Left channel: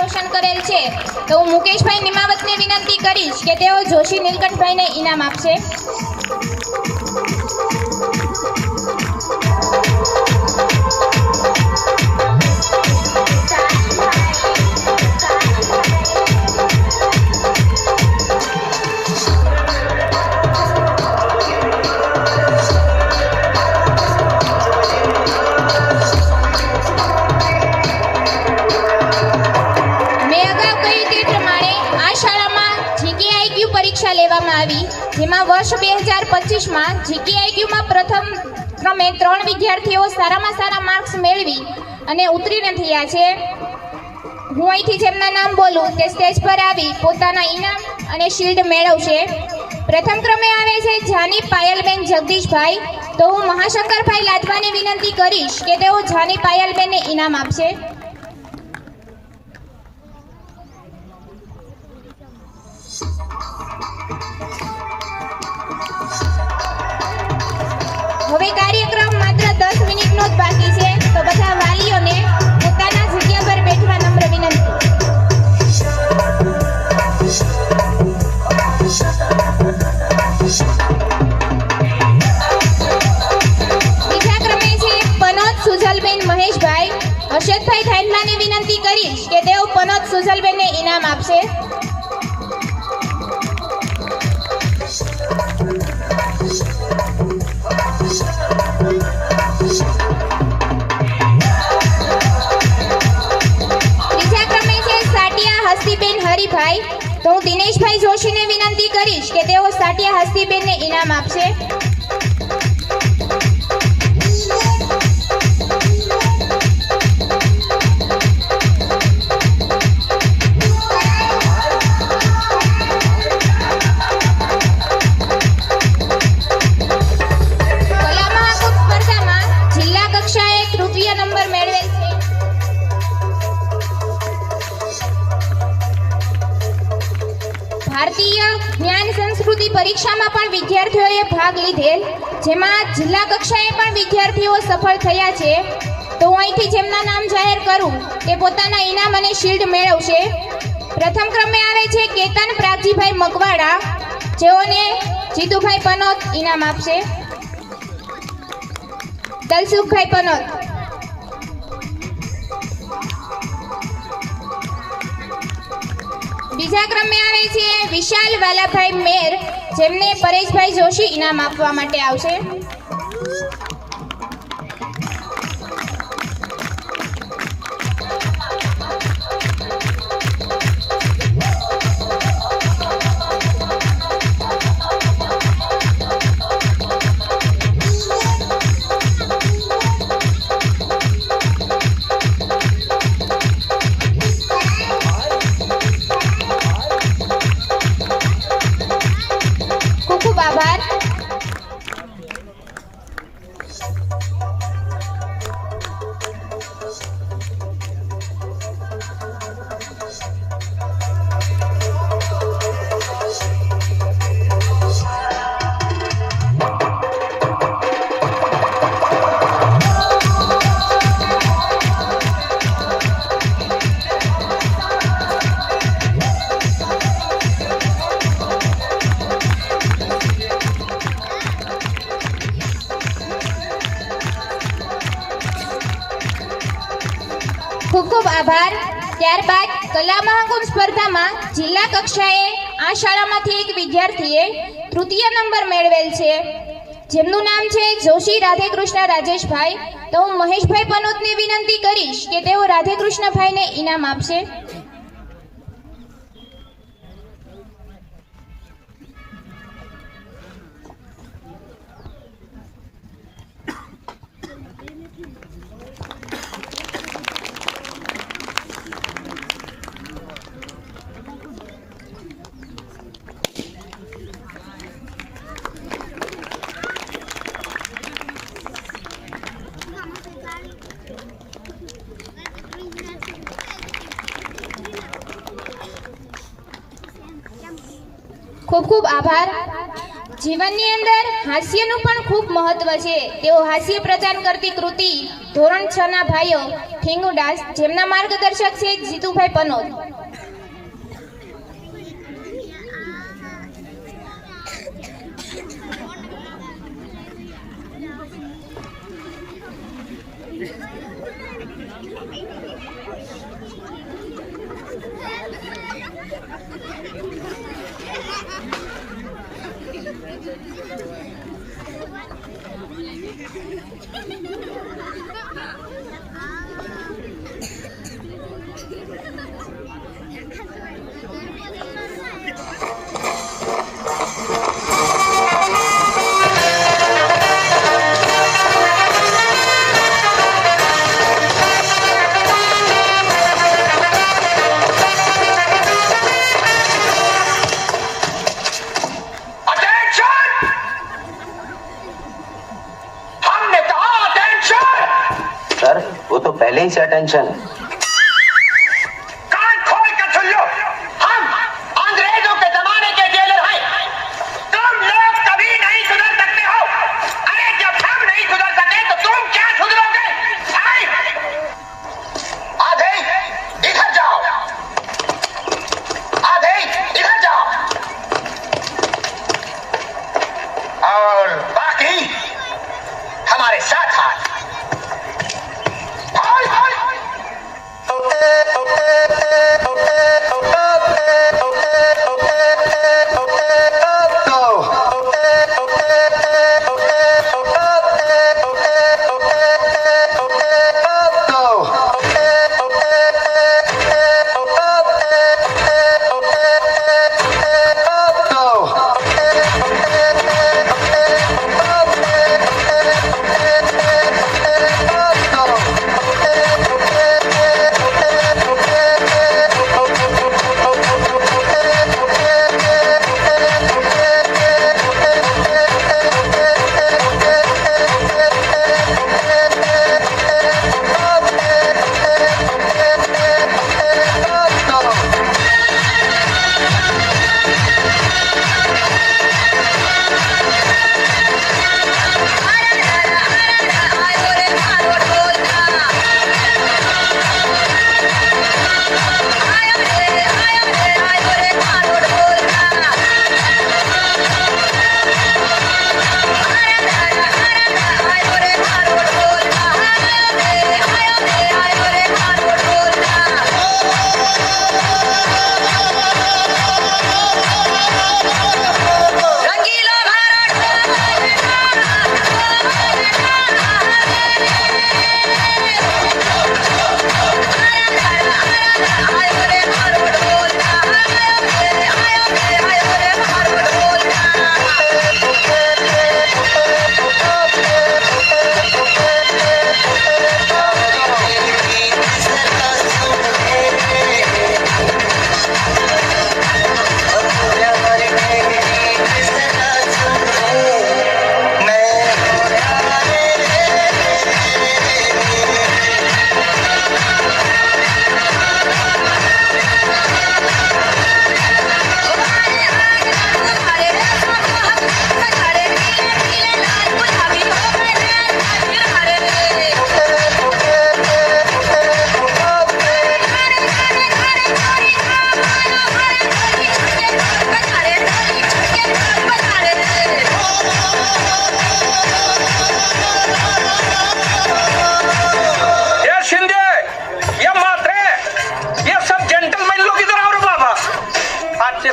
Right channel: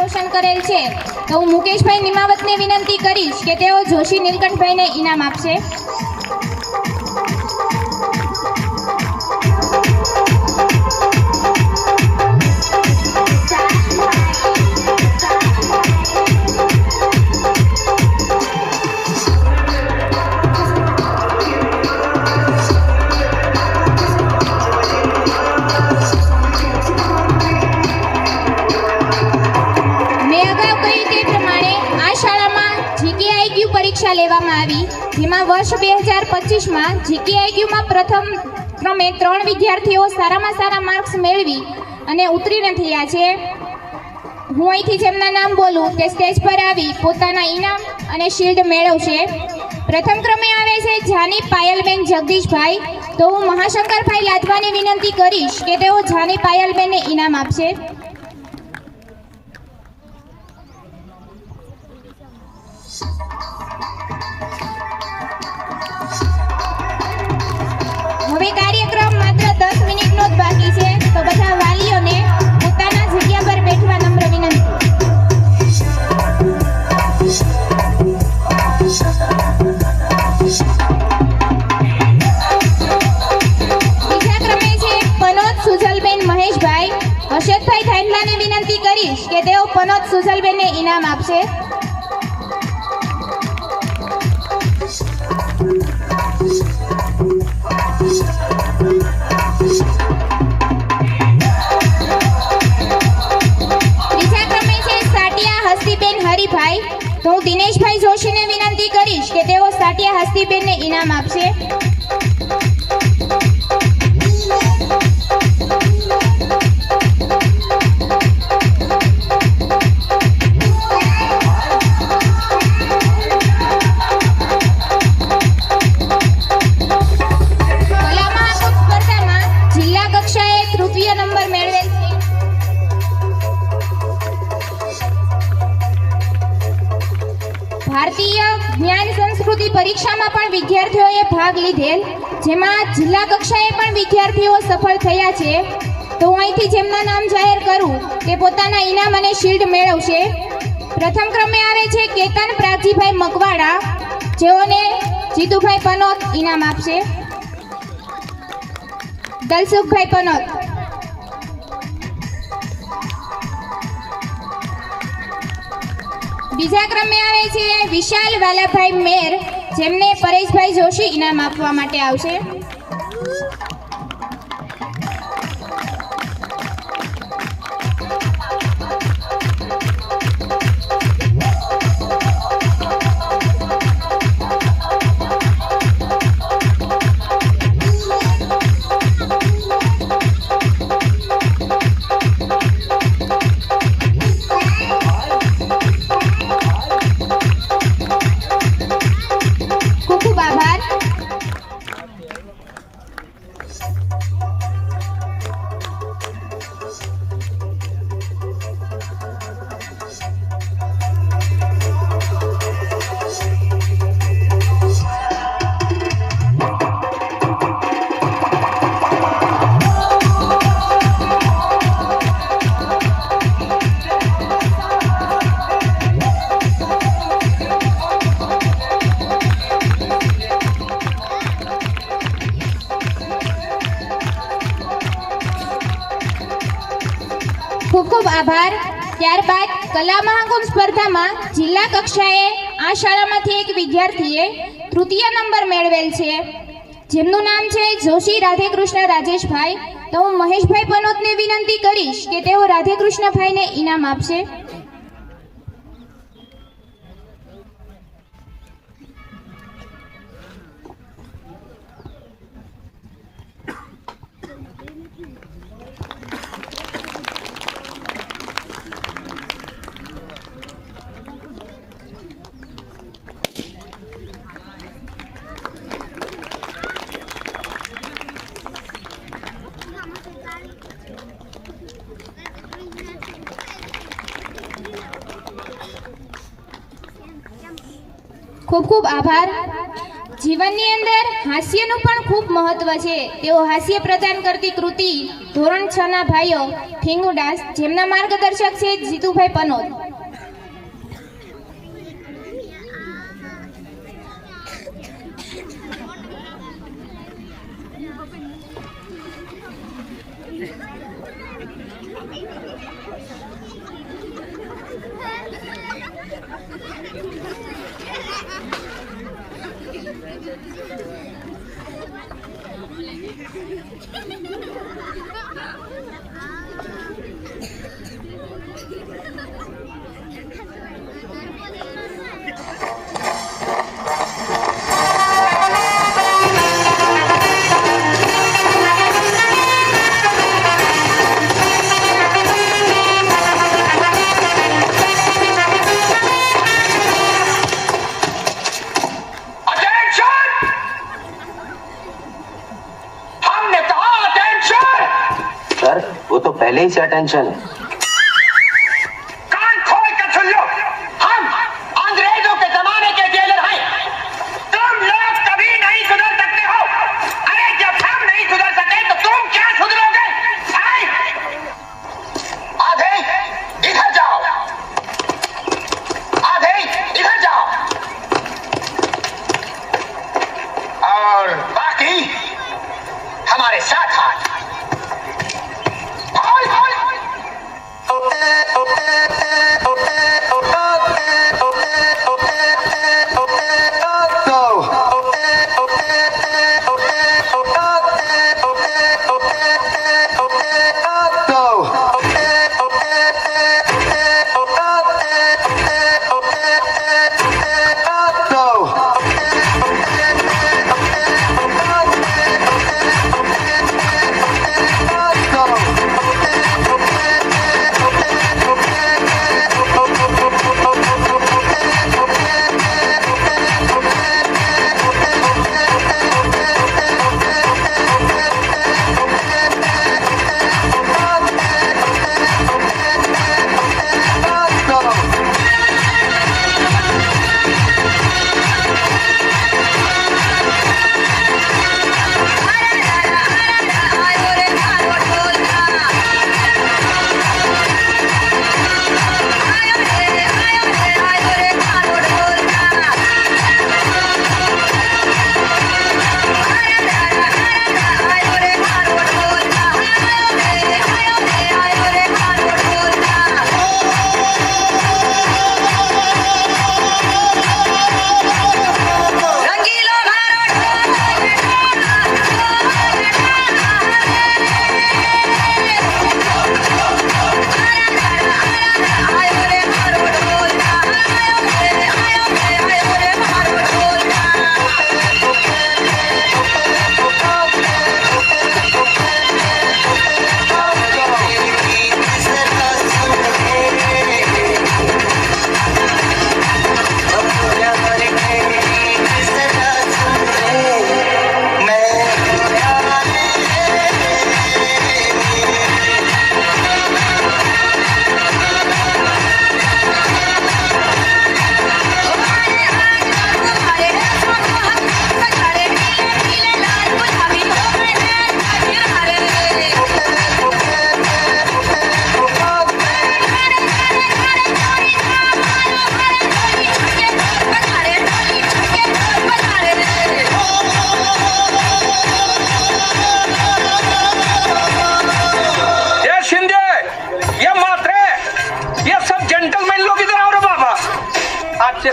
રોશન કરેલ છે તો હું મુકેશભાઈ નિમાવતને વિનંતી કરીશ કે તેઓ જોશી નીલકંઠભાઈને ઇનામ આપશે. જેમાં વર્ષ 2025માં જીકેઆઈક્યુમાં પ્રથમ ક્રમે 3 વિદ્યાર્થીઓ સારામાં સારા માર્ક્સ મેળવી અને ઉત્તીર્ણ થયા છે. હું અહીંથી જેમના નામ બોલું તે સ્ટેજ પર આવી પોતાના ઇનામ અને શિલ્ડ મેળવશે. પ્રથમ ક્રમે આવે છે જાની પાયલબેન જગદીશભાઈ. તો હું મહાશંકરભાઈ લાદવાની વિનંતી કરીશ કે તેઓ જાની પાયલબેનને ઇનામ આપશે. હવે કાર્યક્રમ માત્ર 10 મિનિટનો જ બાકી છે તો બધા વાલીઓને પોતાના જગ્યા પર બેઠવા નમ્ર વિનંતી. બીજા ક્રમે છે પનોત સુજલબેન મહેશભાઈ. હર્ષદભાઈ ધાનલાને વિનંતી કરીશ કે તેઓ પનોત સુજલબેનને ઇનામ આપશે. ત્રીજા ક્રમે છે સાટિયા હસ્તીબેન હરિભાઈ. તો હું દિનેશભાઈ જોશીને વિનંતી કરીશ કે તેઓ સાટિયા હસ્તીબેનને ઇનામ આપશે. ભારતીય જ્ઞાન સંસ્કૃતિ પરીક્ષામાં પણ વિદ્યાર્થીઓએ ભાગ લીધેલ, જેમાં જિલ્લા કક્ષાએ પણ વિદ્યાર્થીઓ સફળ થયા છે. તો હું અહીંથી જેમના નામ જાહેર કરું તે પોતાના ઇનામ અને શિલ્ડ મેળવશે. પ્રથમ ક્રમે આવે છે કેતન પ્રાગજીભાઈ મકવાડા, જેઓને જીતુભાઈ પનોત ઇનામ આપશે. દલસુખભાઈ પનોત. બીજા ક્રમે આવે છે વિશાલ વાલાભાઈ મેર, જેમને પરેશભાઈ જોશી ઇનામ આપવા માટે આવશે. ખૂબ ખૂબ આભાર. ત્યારબાદ કલા મહાકુંભ સ્પર્ધામાં જિલ્લા કક્ષાએ આ શાળામાંથી એક વિદ્યાર્થીએ તૃતીય નંબર મેળવેલ છે, જેમનું નામ છે જોશી રાધેકૃષ્ણ રાજેશભાઈ. તો હું મહેશભાઈ પનોતને વિનંતી કરીશ કે તેઓ રાધેકૃષ્ણભાઈને ઇનામ આપશે. ખૂબ ખૂબ આભાર. જીવનની અંદર હાસ્યનું પણ ખૂબ મહત્વ છે. તેઓ હાસ્ય પ્રદાન કરતી કૃતિ ધોરણ 6 ના ભાઈઓ ઠીંગુદાસ, જેમના માર્ગદર્શક છે જીતુભાઈ પનોત. सर वो तो पहले ही से अटेंशन. कान खोल कर सुन लो, हम अंग्रेजों के जमाने के जेलर हैं. तुम लोग कभी नहीं सुधर सकते हो. अरे जब हम नहीं सुधर सके तो तुम क्या सुधरोगे? आधे इधर जाओ, आधे इधर जाओ, और बाकी हमारे साथ हाथ.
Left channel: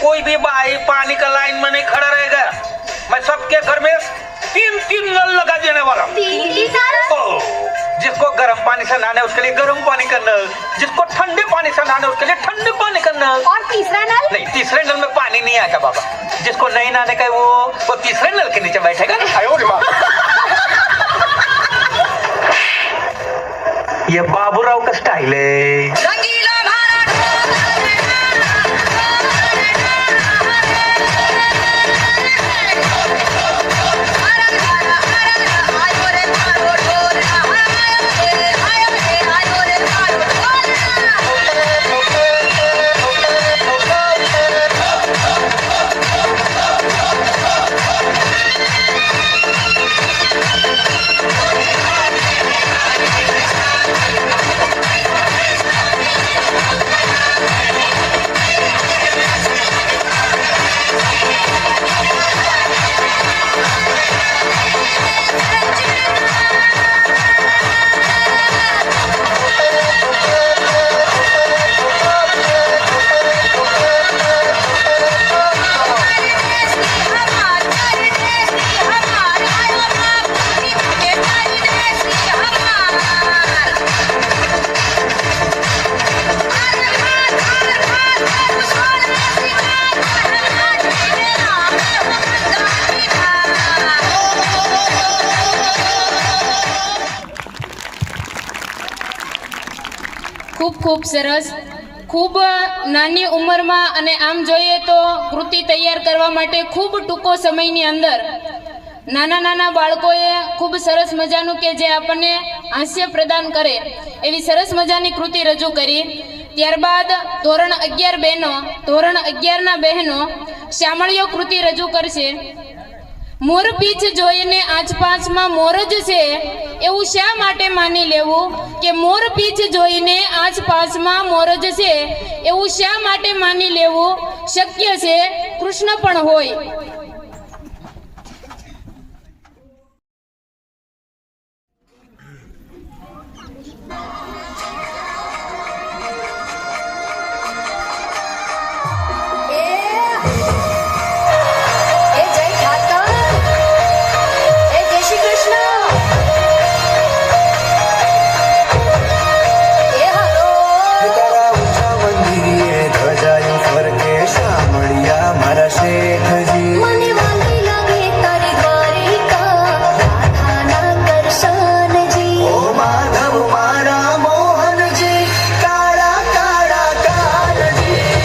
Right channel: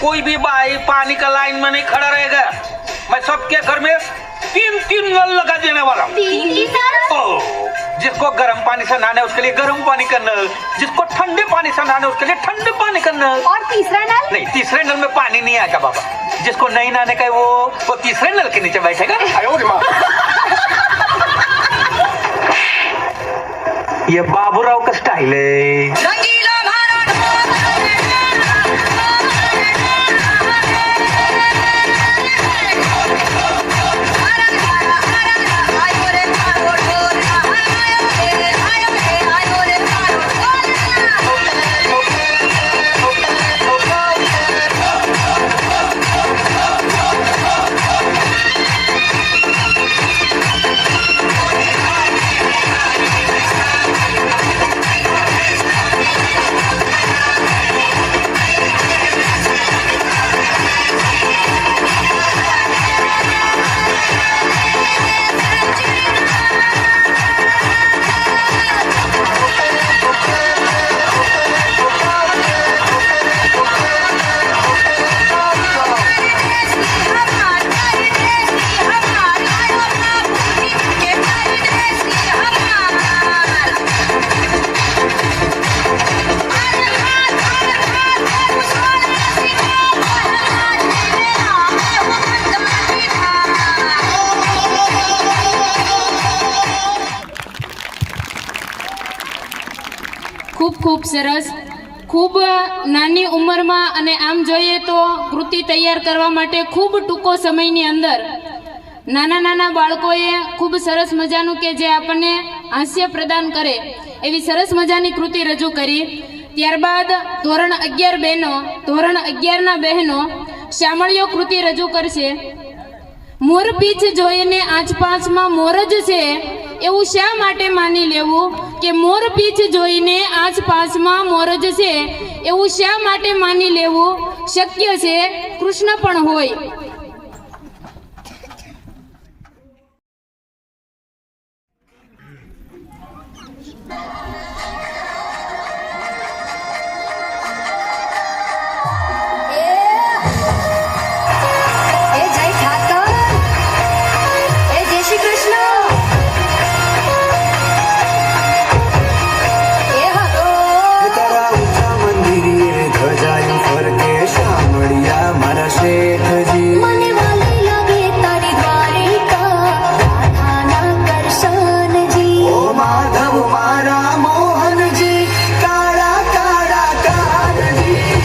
कोई भी भाई पानी का लाइन में नहीं खड़ा रहेगा. मैं सबके घर में 3 नल लगा देने वाला हूँ. जिसको गर्म पानी से नहाने उसके लिए गर्म पानी का नल, जिसको ठंडे पानी से नहाने उसके लिए ठंडे पानी का नल. और तीसरा नल? नहीं, तीसरे नल में पानी नहीं आएगा बाबा. जिसको नहीं नहाने का वो तीसरे नल के नीचे बैठेगा. ये बाबूराव का स्टाइल है. ખૂબ ખૂબ સરસ. ખૂબ નાની ઉંમરમાં અને આમ જોઈએ તો કૃતિ તૈયાર કરવા માટે ખૂબ ટૂંકો સમયની અંદર નાના નાના બાળકોએ ખૂબ સરસ મજાનું કે જે આપણને હાસ્ય પ્રદાન કરે એવી સરસ મજાની કૃતિ રજૂ કરી. ત્યારબાદ ધોરણ 11 બહેનો, ધોરણ 11ના બહેનો શામળીઓ કૃતિ રજૂ કરશે. મોરપીંછ જોઈને આસપાસમાં મોર જ છે એવું શા માટે માની લેવું કે મોરપીંછ જોઈને આસપાસમાં મોર જ છે એવું શા માટે માની લેવું? શક્ય છે કૃષ્ણ પણ હોય. મારા શેઠજી મને વાલી લાગે તારી દ્વારિકા રાધાના કરશનજી ઓ માધવ મારા મોહનજી કાળા કાળા કાળજી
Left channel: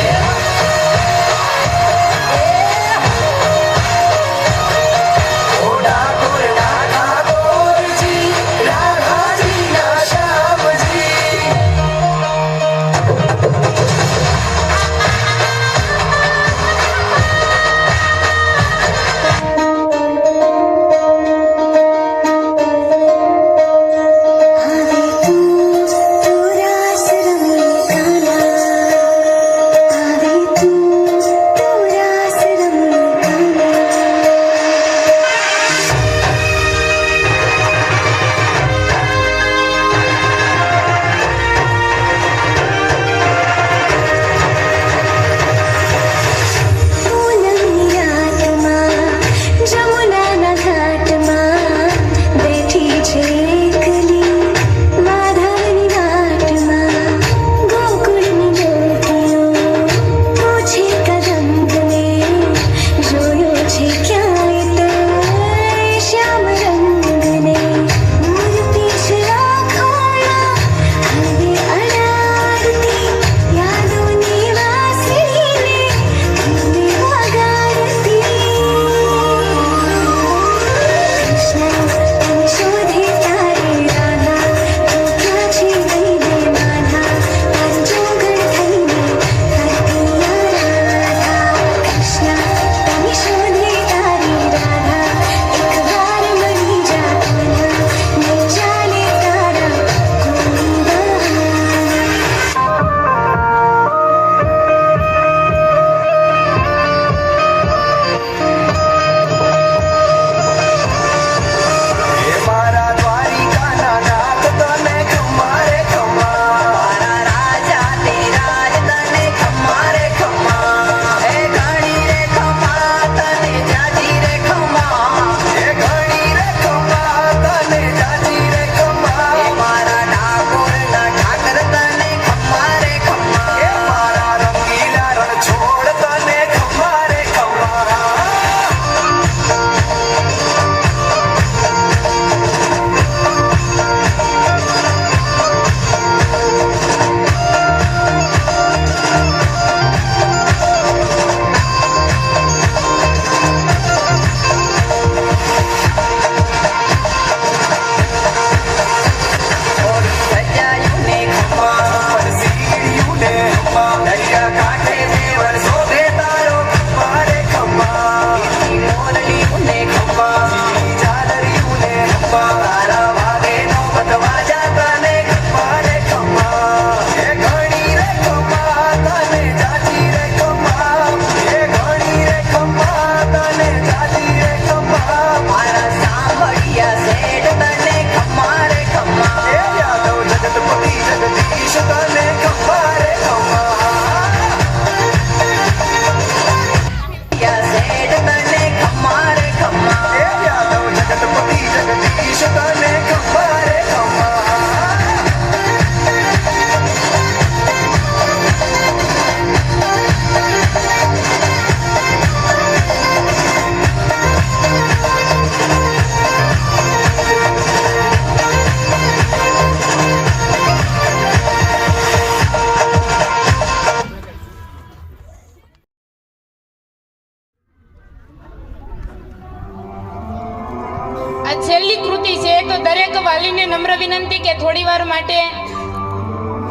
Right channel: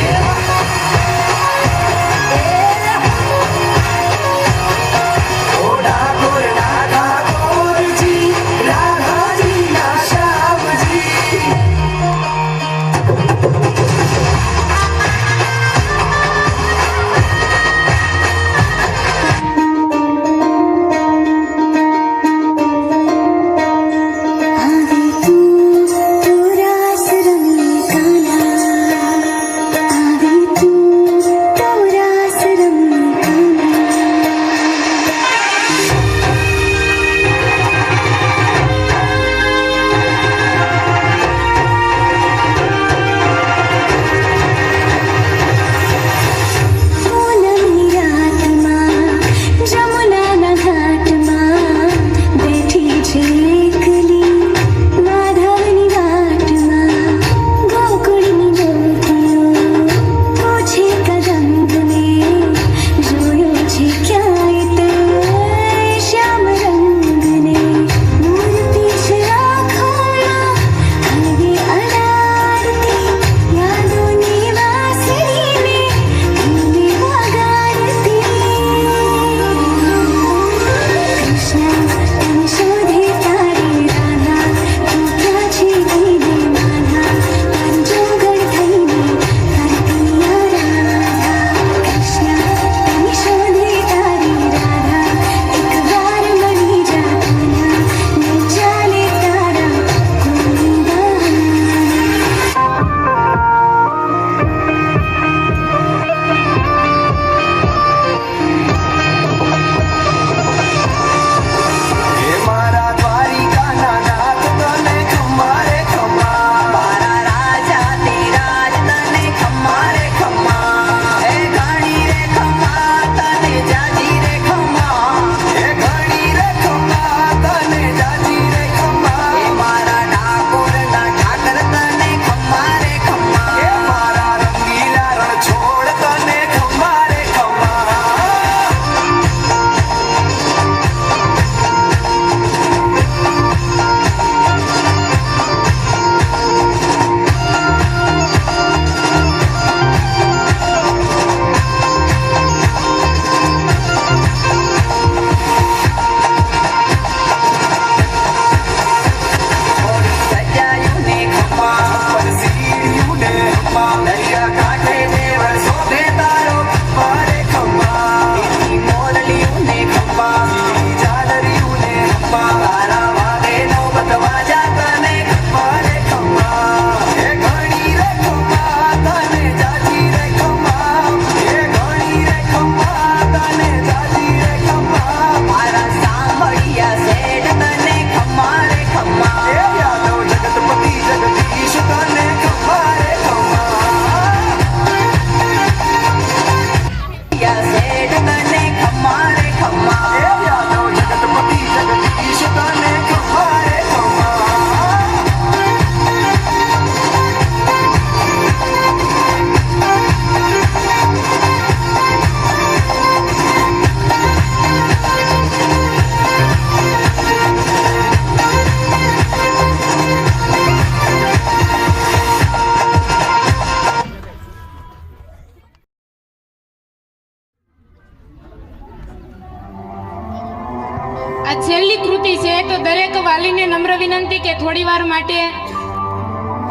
ઓ ડાકોર રાધા ગોરજી રાધાજી ના શ્યામજી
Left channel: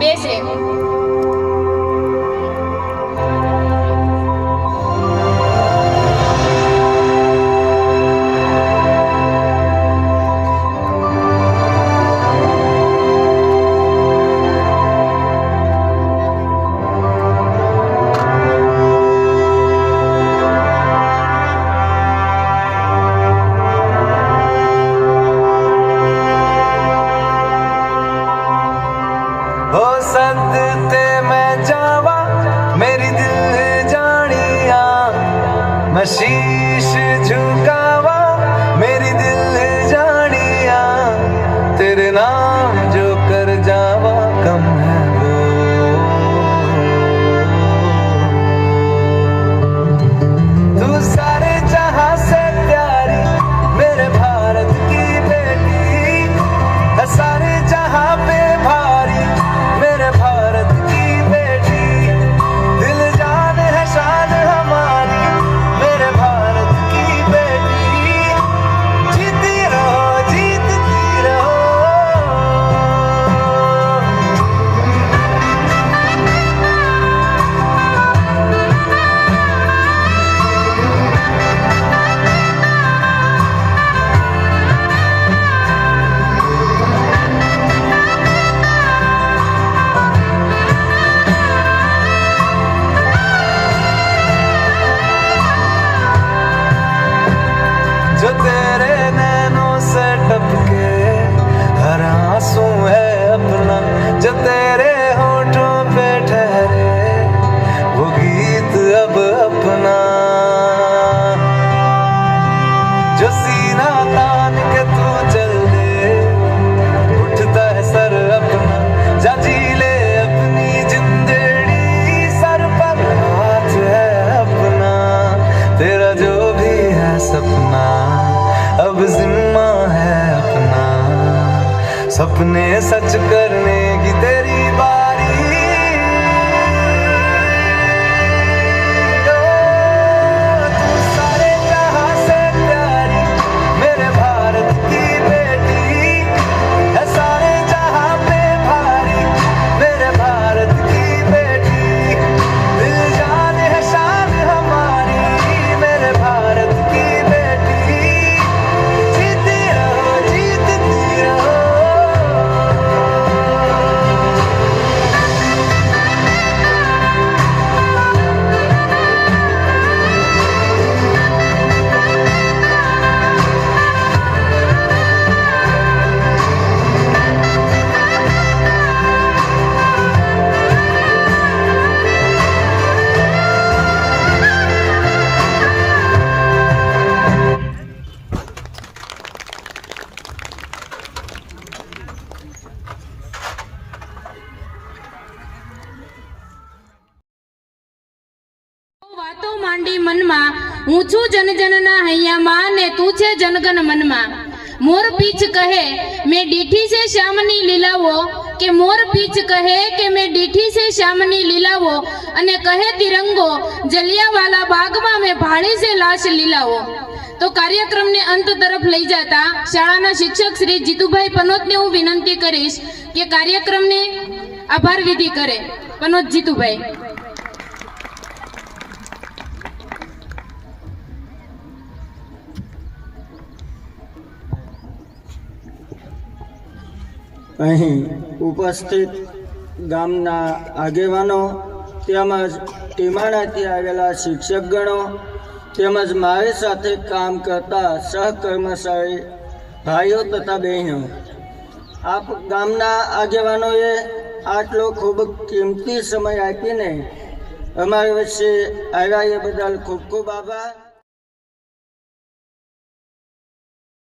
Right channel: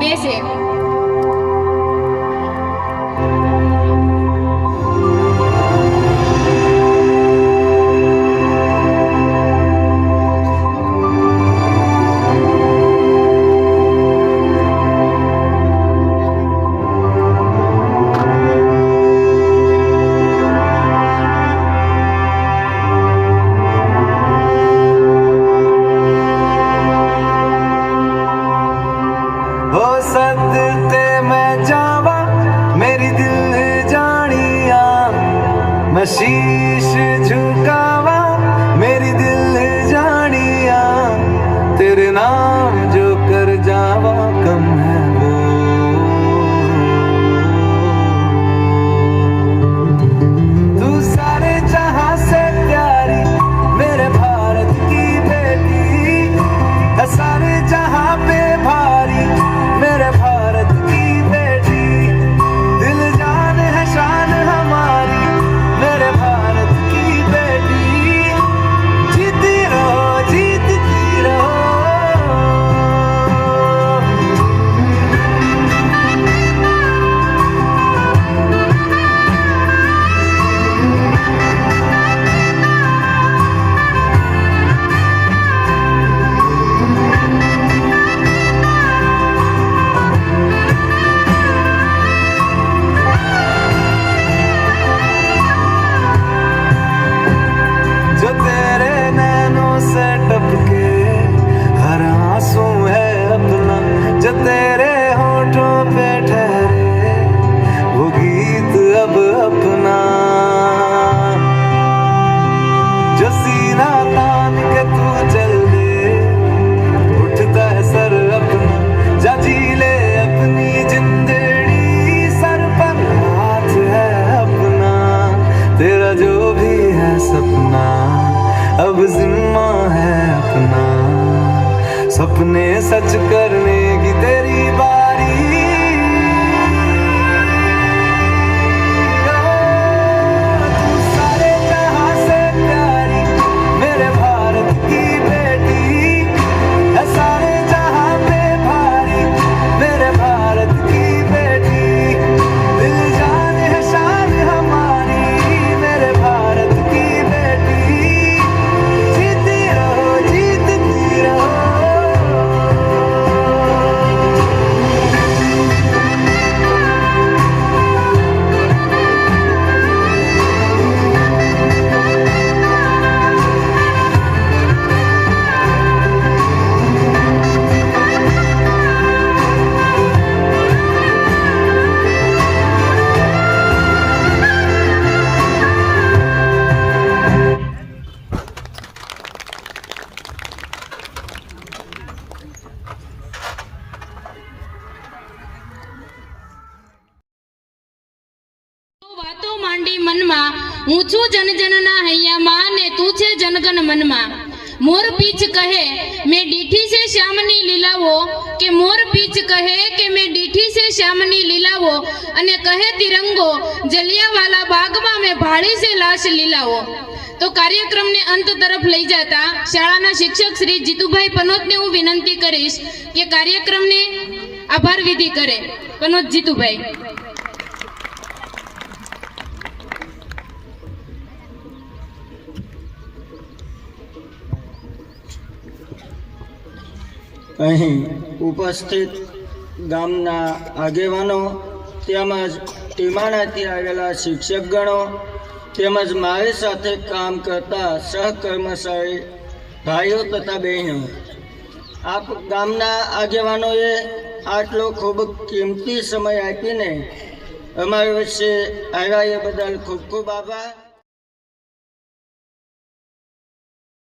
બેસે. हो सदते मैं जावा मेरी दिल जानिया मैं शीश झुकावा मेरी दिल जानिया तेरे नाम जो कर जावा कम है वो तू सारे जहां से प्यारी मेरे भारत की बेटी है सारे जहां पे भारी मेरे भारत की बेटी दिल जान है शान हमारी मेरे भारत की बेटी जीती रहो जीतती रहो जो तेरे नैनों से टपके हर आंसू है अपना जो तेरे होठों पे ठहरे वो गीत अब अपना जो सीना तान के तू चल दे उठता है सर अपना जा जी ले अपनी जिंदड़ी सर पर हाथ है अपना तेरा जो भी है सपना अब जिम्मा है अपना सपने सच करने की तेरी बारी तू सारे जहां से प्यारी मेरे भारत की बेटी है सारे जहां पे भारी मेरे भारत की बेटी दिल जान है शान हमारी मेरे भारत की बेटी जीती रहो जीतती रहो વાતો માંડી મનમાં હું છું જનજનના હૈયામાં ને તું છે જનગણ મનમાં મોર પીછ કહે મેં દીઠી છે શ્યામની લીલાવો કે મોર પીછ કહે કે મેં દીઠી છે શ્યામની લીલાવો અને કહે તિરંગો જલિયાવાલા બાગમાં મેં ભાળી છે લાશ લીલાવો. તો કાર્યક્રમને અંત તરફ લઈ જતા શાળાના શિક્ષક શ્રી જીતુભાઈ પનોતને હું વિનંતી કરીશ કે કાર્યક્રમને આભાર વિધિ કરે. પનોત જીતુભાઈ. અહીં ઉપસ્થિત ગામના આગેવાનો તેમજ ટીમાણાથી આવેલા શિક્ષકગણો તેમજ મારી સાથે કામ કરતા સહકર્મચારી ભાઈઓ તથા બહેનો આપ ગામના આગેવાનોએ આટલો ખૂબ કિંમતી સમય આપીને અમારી વચ્ચે આવ્યા એ બદલ ખૂબ ખૂબ આભાર.